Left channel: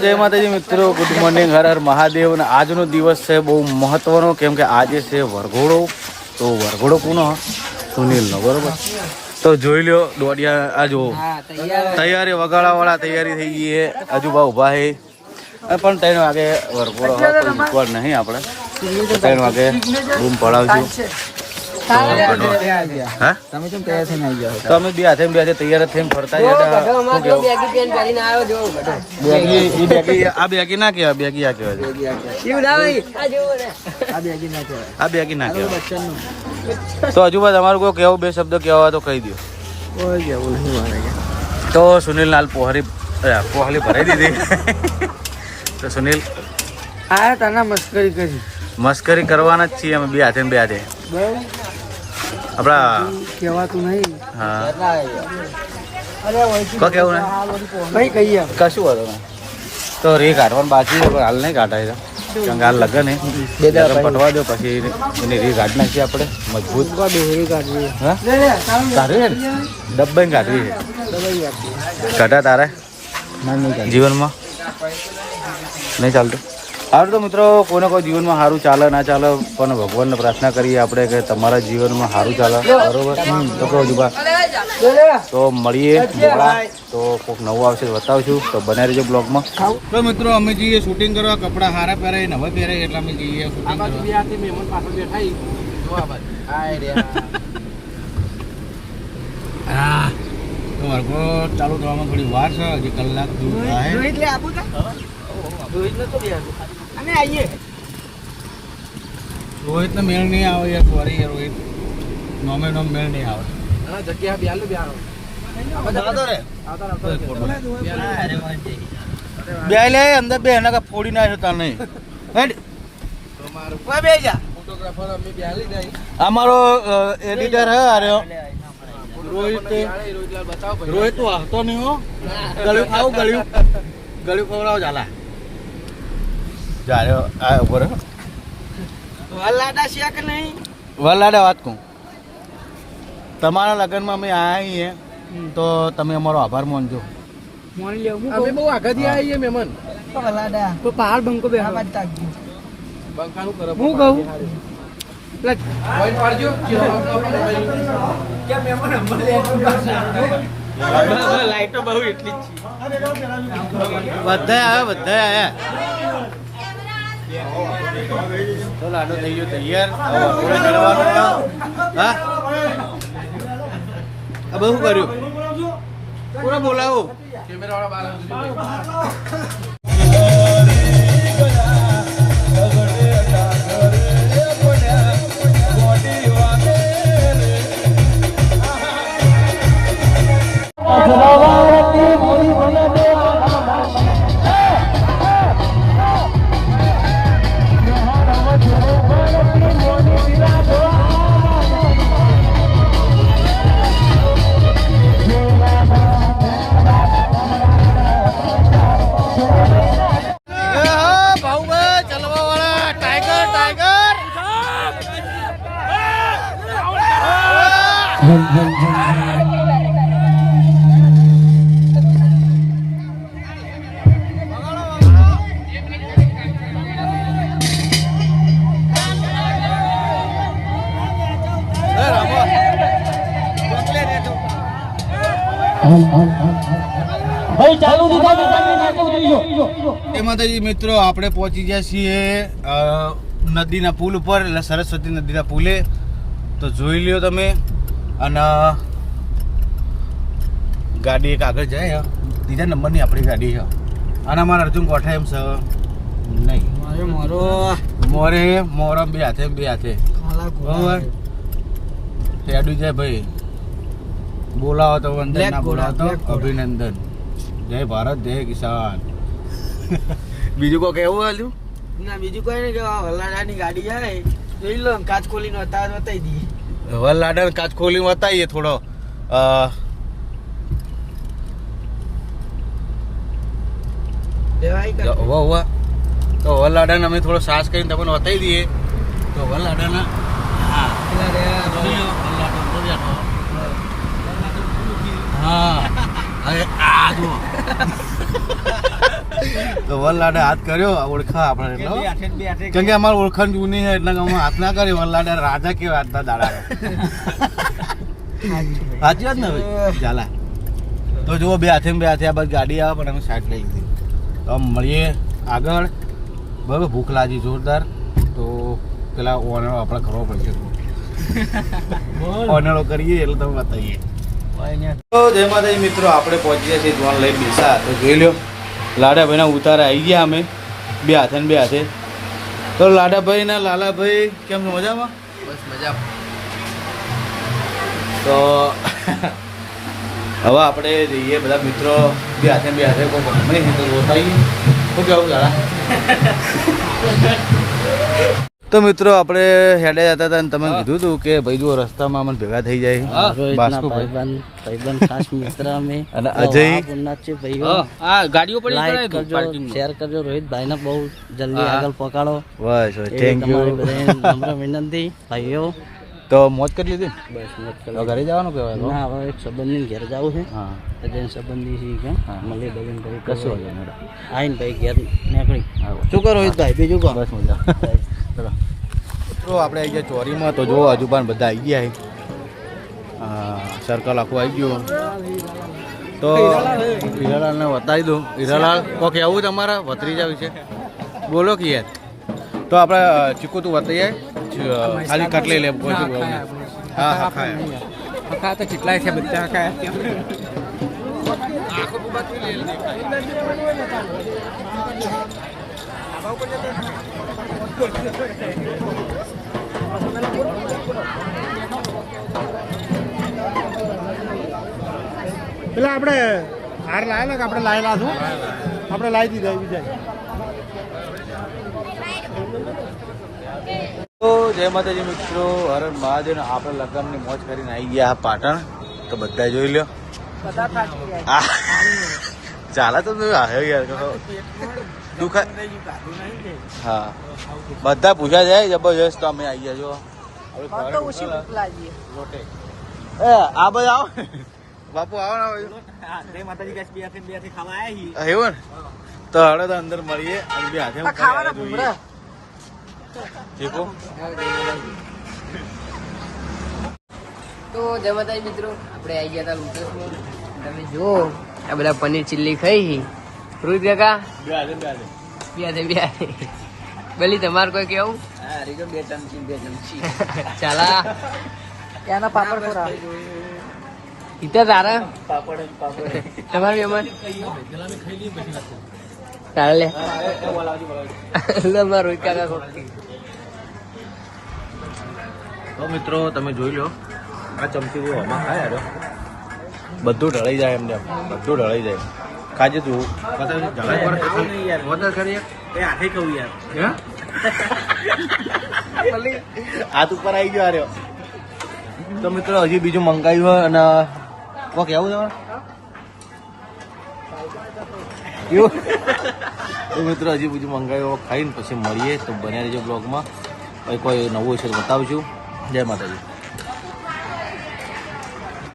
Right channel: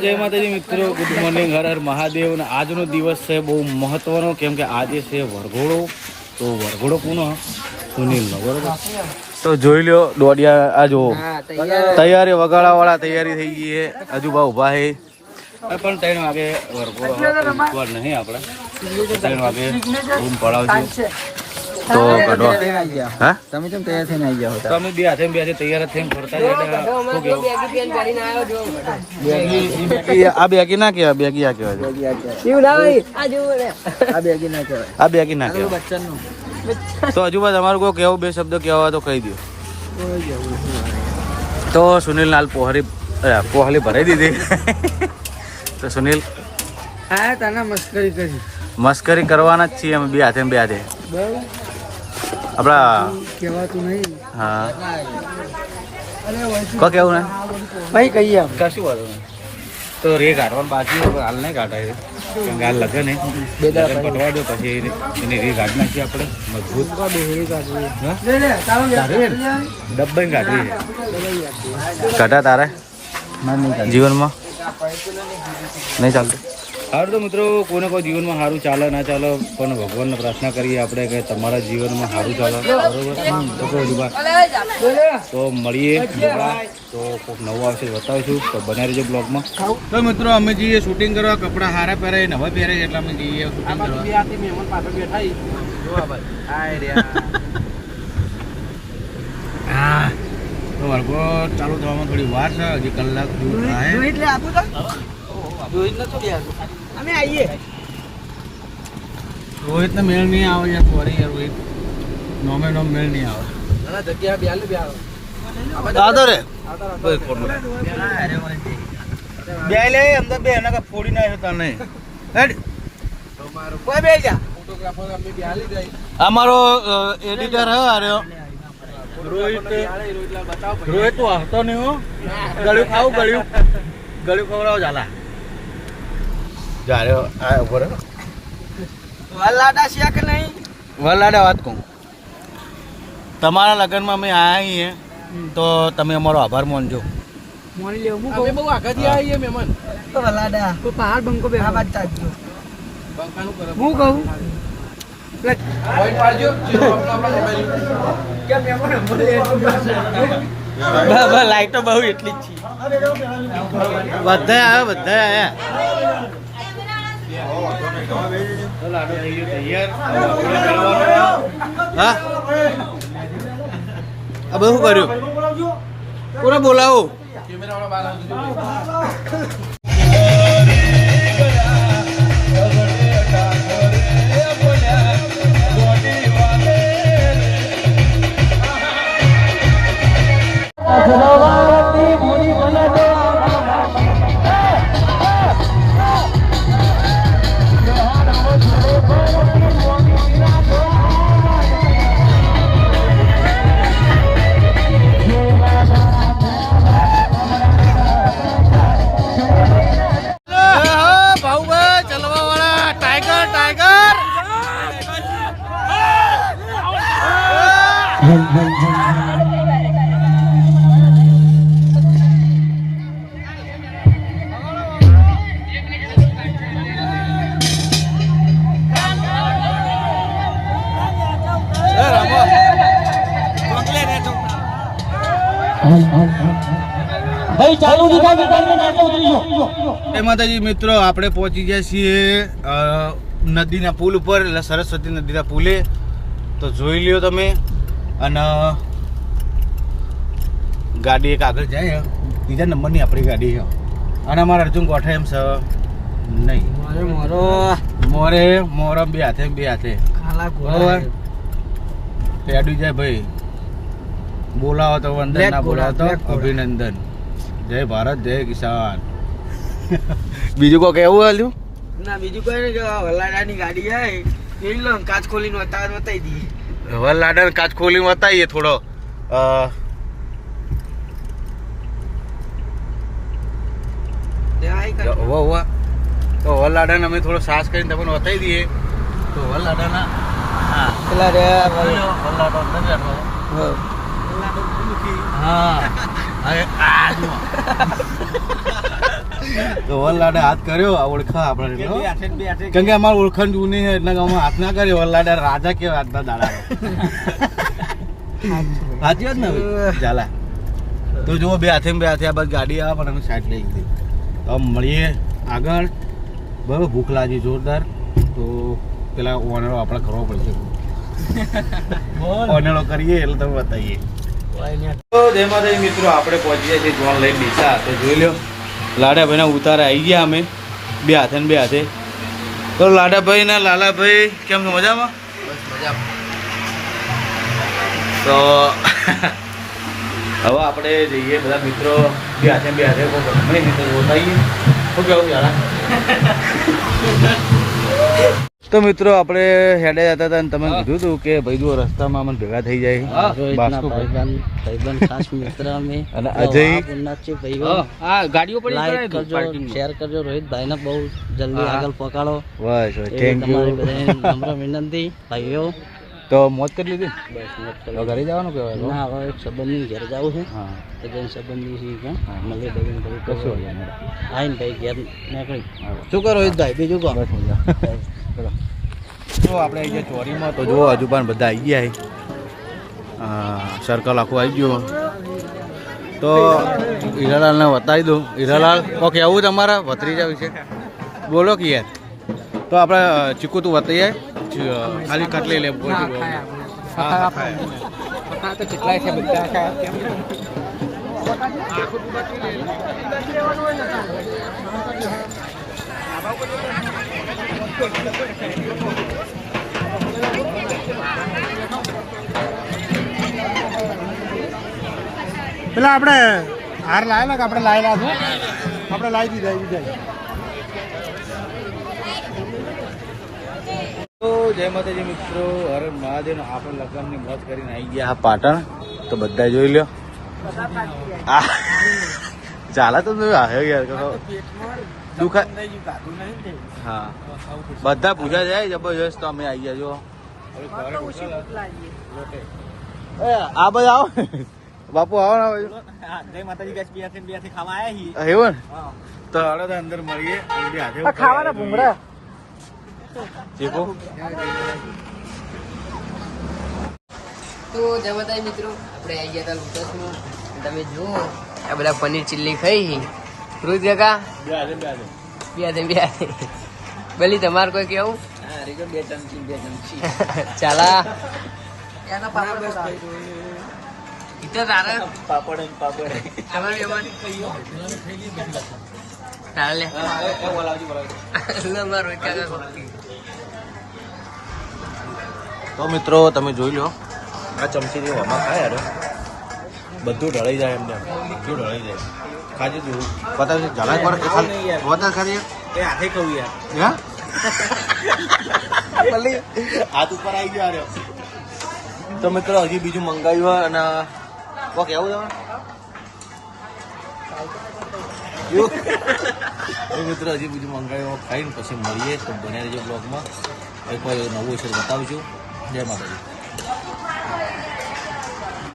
જય માતાજી મિત્રો, ગુડ મોર્નિંગ, હર હર મહાદેવ. અને આજનો દિવસ છે બહુ મહત્વનો, કેમ કે આજે છે વરઘોડો. તો વરઘોડો કોનો? સુનિલનો, બરોબર. તો જોઈ લ્યો દોડિયા, આ જો તૈયારી વગાડવા વાળા તૈયારી થઈ ગઈ છે. હજુબા ઉભા છે પણ 3 વાગે વરઘોડો નહીં, આપણે 3 વાગે રૂમ પડાવીશું. તો હા તમે કેમ તૈયાર થઈને આવી ગયા? તો અમે બે હાથે તૈયાર થઈને ફરતા આ બેગી ના કહેવાય, બેગી આ કહેવાય, આ બેગી ના કહેવાય. તો હજુ બાદ અમારું કોઈ કેવું 2 શબ્દ કહેવા હોય તો કહી દો. તો સુનિલ નાલ પોહલી ભરાઈ દીધી. તો સુનિલ હા તને મસ્કરી કરી, મસ્કરી કરવાના જ છીએ અમે બે હાથે આપડા કહેવાતું નહીં. હા કો કેવું ને ભાઈ કહીએ કશું વાળો નહીં. તો રે કાઢવાનું બાકી હાલ નહીં કાઢાય, કારણ કે હાલ લગન ને પટવા દો, પછી એની રે કાઢી નાખીએ આપણે મજબૂત. કાઢવી ને ડબ્બાઈ કાઢવી છે. કાઢા તારે જીવનમાં નહીં ચાલતું. સારું તો મિત્રો, કોઈને કોઈ જીવનમાં સારું ચાલે ના ચાલે, પણ ભગવાનને પ્રાર્થના કરીએ આપણે કે તમારા જીવનમાં સારું ચાલે, બરોબર. તો કહું જુબા, તો મળીએ મોડા, તો કોઈક નવું આવશે બતાવશું. તો બનાવી રહેજો બ્લોગમાં. તો મિત્રો અમે જઈએ શૂટિંગ કરવા, કપડાં સારા પહેરાય નવા પહેરાય એટલે અમે જઈએ શૂટિંગ કરવા. તો વર્ગો ચાલુ થવામાં થોડી વાર છે, હજી કલાક જેવું થાય. રોહિત ને મેળ નહીં આવે યાર, સોરી યાર રોહિત, નોમે નોમ મેળ નહીં આવે. દાદો રે બે લે અંદર બે એના કા ફોડી ના જતા નહીં. અમારો એડિટર હે અરે રોહિત, રોહિત તો હસતો નહીં હો. ગળ્યું ખાવું, ગળ્યું ખવડાવો ચાલા જારે આ ઉપર વલાડા છે કે નહીં? વલાડા વાત કહું, તમારા લગ્નમાં અમે આવ્યા છીએ તો તમે અમારો આભાર માનજો. મોની લેવું હું કહું, બહુ આગળથી આવીએ મહેમાન. તો વલાડા તો પહાડ બંકો બે આ વાત ચાલજો. બંકાનું કરો હું કહું લાઈટ તો બહુ એટલી જ છે. બધા આવ્યા લાડો થઈ ગયો તૈયાર. હા આ બધું કર્યું પૂરા બોલાવો. માતાજી મિત્રો, આપણે પહોંચી ગયા છીએ નદીના પુલ ઉપર, એટલે સરસ્વતી નદીના પુલે. તો જોઈ લ્યો તમે. અને ગાડી એક આગળ જાય, 3જા નંબરની આપણી ગાડી છે. અને અમારા અર્જુન કોઠા એમ છે નહીં, મોરે બે હાથે બરોબર. તેડું જાય ભાઈ, બોલાવો તો અંદર, ના બોલાવો તો અભિનંદન. જય ભારત, જય કિસાન. બીજું કોઈ કેવું હાલ્યું ના? બીજું કોઈ નહીં, વલાડાની ગાડી જાય જોઈ લો, કાચ ખોલીને બતાવી દઈએ. વલાડા કાચ ખોલી બતાવીએ થોડો. તો વલાડાને અમે થોડો સાસ કરીને તમને બતાવી દઈએ. તો વલાડાના હા હવે આ જુઓ. તો વરલાડે હાથ કર્યો ઓળખા આપણે કેમ કે અમારે ઓળખાણ જૂની છે એટલે અમે હાથ ના કર્યો વરલાડે રાજા કેવા આજના દાડા સાચી વાત ને ચાલા તો જુઓ બે હાથે આ બસ ગાડી આવે પણ અમે સાઈડ લઈ ગઈ તો મળીએ આગળ બરાબર ભૂખ લાગી જોરદાર તો પેલા ઓનળો આપણે કરવો પડશે ઓનળો કરીએ એટલે તમે બતાવીએ તો જય માતાજી મિત્રો આપણે પહોંચી ગયા છીએ જોન લઈ ડીસા તો જોઈ લો લાડાભાઈના ઉતારા આવી ગયા અમે બે હાથે ને બે હાથે તો લાડાભાઈ ને લાલાભાઈ કેમ છો મજામાં બસ મજા તો હવે આપણે જઈએ બધા મિત્રો બે હાથે ને બે હાથે કોઈ ભ્રમણી છે તો રોતાઈએ શું કેવું લાલા તો મિત્રો આપણે હેડે જતા હતા અને તમે કીધું હતું કે ભાઈ જો રસ્તામાં મને ભેગા થઈ જાય અને અજય ગાડીઓ પડી શેર કરજો રોહિતભાઈ ને બહુ જલ્દી આગળ પહોંચાડો બસ થેન્ક યુ નમ્ર વિનંતી ભાઈઓ તો મોજ કરી લીધી બસ મત કરો. હવે ઘરે જવાનું કહેવાય ના, હવે એક સંબંધની ઘેર જવું છે હા એટલે સંબંધી છે કેમ હા. મળીએ લગ્ન કરી કશું હોય નહીં. આવીને ભાઈ ઘેર નીકળી હા. શું કરો રોહિતભાઈ બીજું કહો બસ મજા ચલો તો આપણે આવી ગયા ચોરીમાં તો જો હજુ પણ બધા આવી ગયા છે સર્કલ આખું આવી ગયું તો હીરાલાલને બતાવી દઉં હીરાલાલ કોક એવું તમારા ભત્રીજા વિશે બોલો કે યાર તો આપણે ચીકુ તું બતાવીએ ખાલી કટલી લે હા તો કેટલાય છે બધા પેલા આપણે હાર લાવેલા કે આપણે લાવેલા છો આપણે લાવી દીધા બીજા તો જય માતાજી મિત્રો હર મહાદેવ આપણે લગ્નની મોજ કરીને આવી ગયા પાટણ તો બધા જોઈ લ્યો ચાલે તો આવ્યો યાર દુખા હા બધા પૂછા જાય જબરજસ્ત તો અમે આવી ગયા જો આ બધા આવો બાપુ આવો જય માતાજી ગેસ બે ખાવા આવ્યા એવું ને તો હાડો તો અંદર મળીએ અને બે હાથે ખાવાના ભૂંગળા ચીકુ તો જય માતાજી મિત્રો આપણે આવી ગયા હતા લુટસમાં તમે જો આ બધા પનીર ચીલ્લી ખાઈ રોહિત કાકા બે હાથે બે હાથે ભલી તમારે કોઈ કેવું બે ચમચી ચાલા ઈતા તારા તમારી એમાં ચાલે એકદમ રોહિત કાકા ખોટી તો મિત્રો તમે જોઈ લો આ ચમચી જેવો આમાં ખાય યાર બધું ઢળાઈ જાય એમને બધું ઢળાઈ જાય ખાજે તું બતાવ ઢળાઈ પર વધારે ખરી એ હાથે કહું યાર હા ભલે હાથ ઉપર આવી ગયો આર્યો તો મિત્રો હજી બીજું મંગાવ્યું અને તો મિત્રો હજી બીજું મંગાવ્યું ખાઈને પછી મળીએ તો બન્યા રહેજો બ્લોગમાં પછી કોઈ નવું છે તો બતાવશું જય માતાજી